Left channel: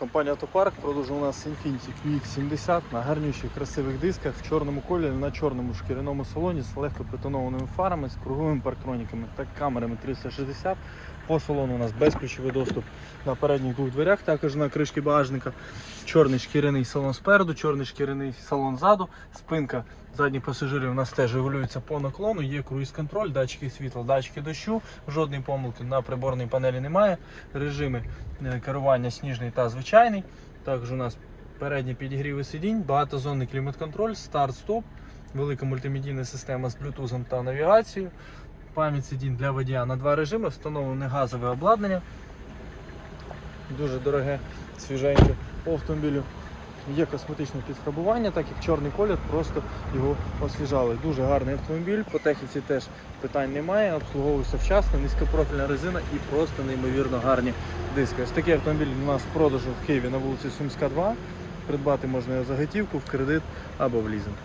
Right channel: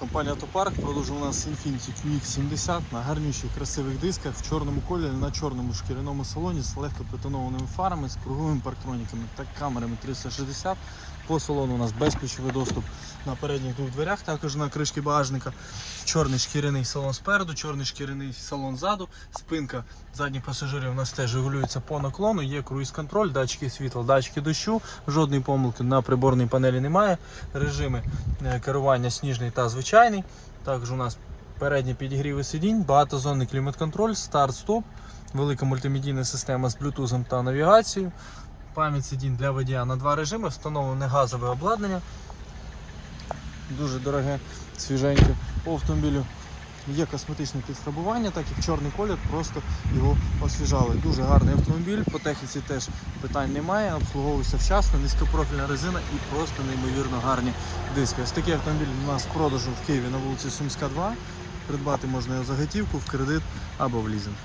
Компанія Автопарк продовжує у нас Infiniti QX70 на гарніших красивих дисках в чорному кольорі на чорному шкіряному салоні з легко притонованими фарами, з круговими парктроніками та камерами 360. По салону у нас безключовий доступ на передніх двох дверях, також на кришки багажника. Чорний шкіряний салон спереду, чорний шкіряний салон ззаду, спинка задніх пасажирів у нас теж регулюється по наклону, є круїз-контроль, датчики світла, датчики дощу, жодної помилки на приборній панелі немає. Режими е, керування сніжний та звичайний. Також у нас передні підігріви сидінь, багатозонний клімат-контроль, старт-стоп, велика мультимедійна система з блютузом та навігацією. Пам'ять сидінь для водія на два режими, встановлене газове обладнання. Дуже дороге, свіженьке. По автомобілю є косметичне підфарбування, так як чорний колір, просто його освіжали. Дуже гарний автомобіль, по техніці теж питань немає, обслуговується вчасно, низькопрофільна резина і просто неймовірно гарні диски. Ось такий автомобіль у нас в продажу в Києві на вулиці Сумська, 2. Придбати можна його за готівку, в кредит або в лізинг.